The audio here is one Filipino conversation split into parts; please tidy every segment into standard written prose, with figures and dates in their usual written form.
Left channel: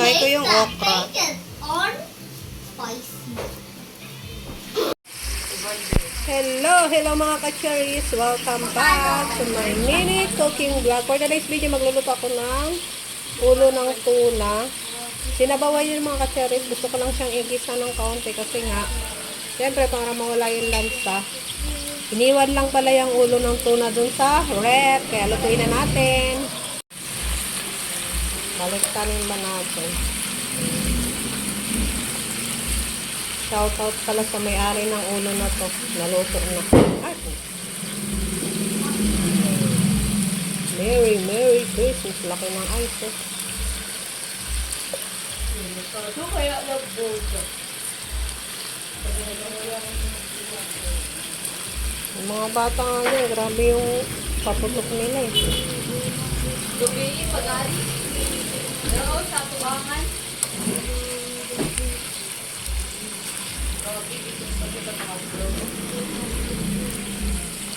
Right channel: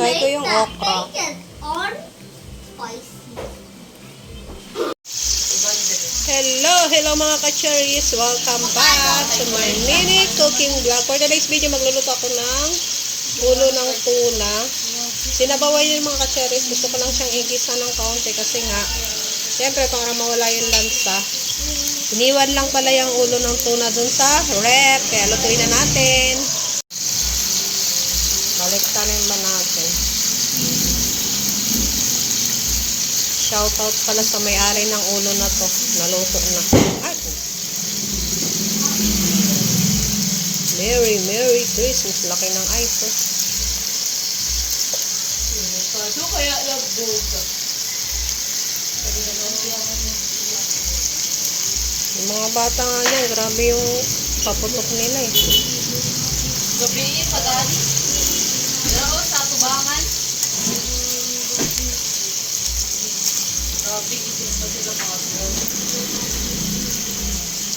Lagay ko yung okra. Hello mga ka-cherries. Welcome back to my mini cooking vlog. For today's video, magluluto ako ng ulo ng tuna. Sinabawan yun mga ka-cherries. Gusto ko lang siyang igisa ng kaunti kasi nga, siyempre para mawala yung lansa. Iniwan lang pala yung ulo ng tuna dun sa rep. Kaya lutuin na natin. Baliktarin ba natin? Shoutout pala sa may-ari ng ulo na to. Naluto na. Ay! Merry Christmas. Laki ng ice. Yung mga bata nga yan, grabe yung paputok nila eh. Gabingin pagali. Hello, sa tubangan. Grabe, ito pa sila mga vlog.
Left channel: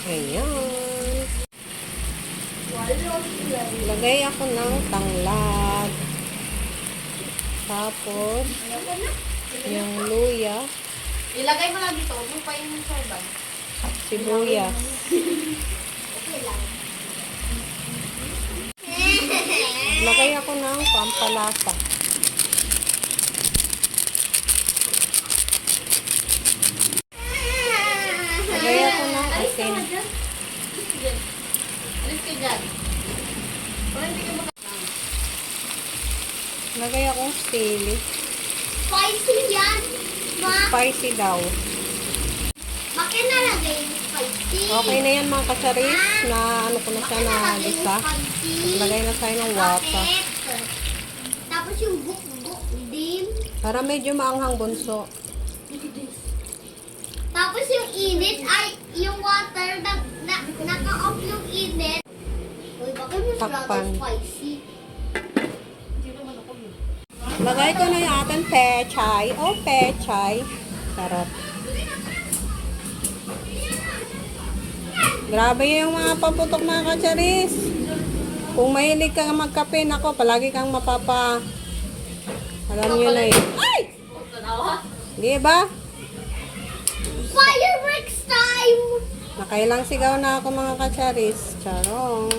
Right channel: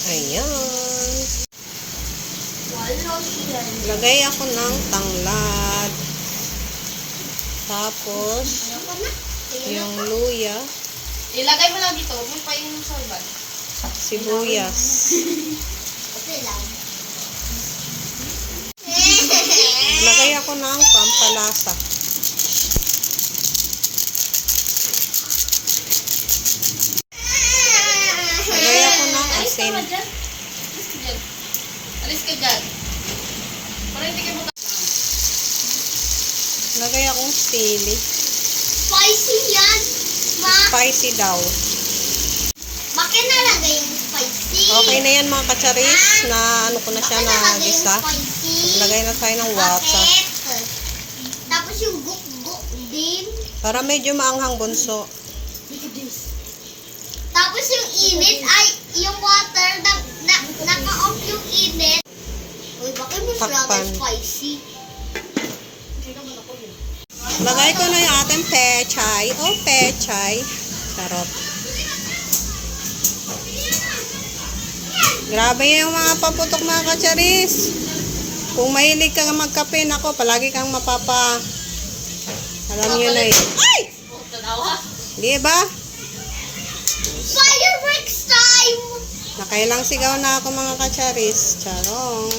Ayan. Lagay ako ng tanglad. Tapos, yung luya. Ilagay mo lang dito. Huwag mo painin yung sorban. Sibuyas. Okay lang. Lagay ako ng pampalasa. Lagay ako ng asin. Alis ka dyan. Para hindi ka maka... Lagay akong sili. Spicy yan, ma. Spicy daw. Bakit nalagay yung spicy? Okay na yan mga kacharis. Na ano ko na siya na gisa. Lagay na tayo ng water. Bakit? Tapos yung guk-guk din. Para medyo maanghang bunso. Tapos yung init ay yung water naka-off yung init. Uy, bakit Takpan. masyadong spicy? Lagay ko na yung ating pechay. O pechay. Charot. Grabe yung mga paputok mga kacharis. Kung mahilig kang magkape, ako, palagi kang mapapa... Alam nyo na eh. Ay! Di ba? Fireworks time! Nakailang sigaw na ako mga kacharis. Charong.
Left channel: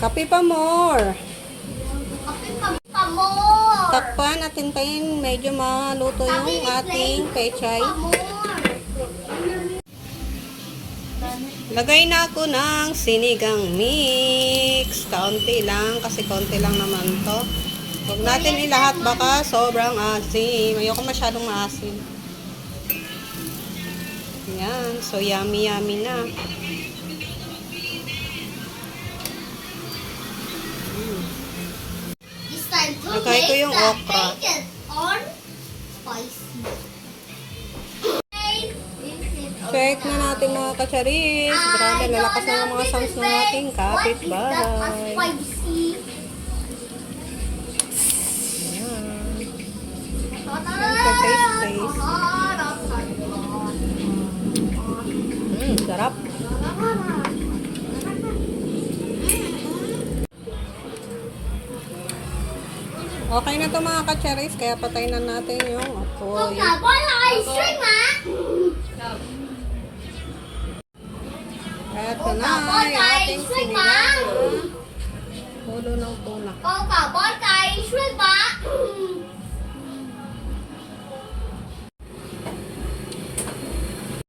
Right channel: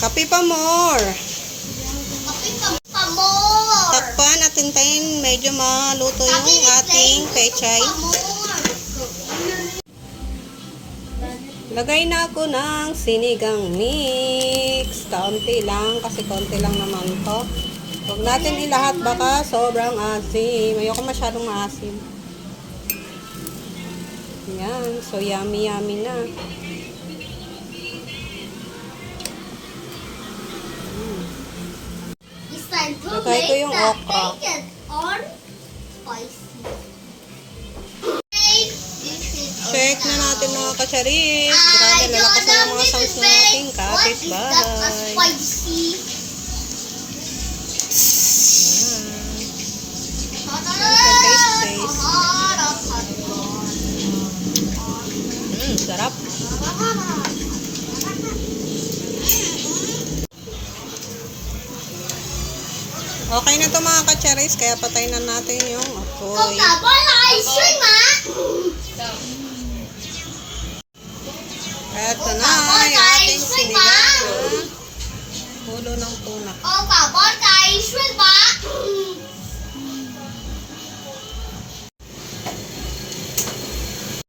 Kape pa more. Amor! Takpan at hintayin medyo maluto yung ating pechay. Lagay na ako ng sinigang mix. Kaunti lang kasi kaunti lang naman to. Huwag natin ilahat baka sobrang asim. Ayoko masyadong maasim. Yan. So yummy na. Lagay ko yung okra. Or spicy. Check na natin mga kacharis. Grabe, lalakas na mga sounds ng ating kapitbahay. Ayan. Taste. Sarap. Okay na to mga kacharis, kaya patay na natin yung apoy. Ice cream, ha? Eto na yung ating sinigang na ulo ng tuna. Coca-Cola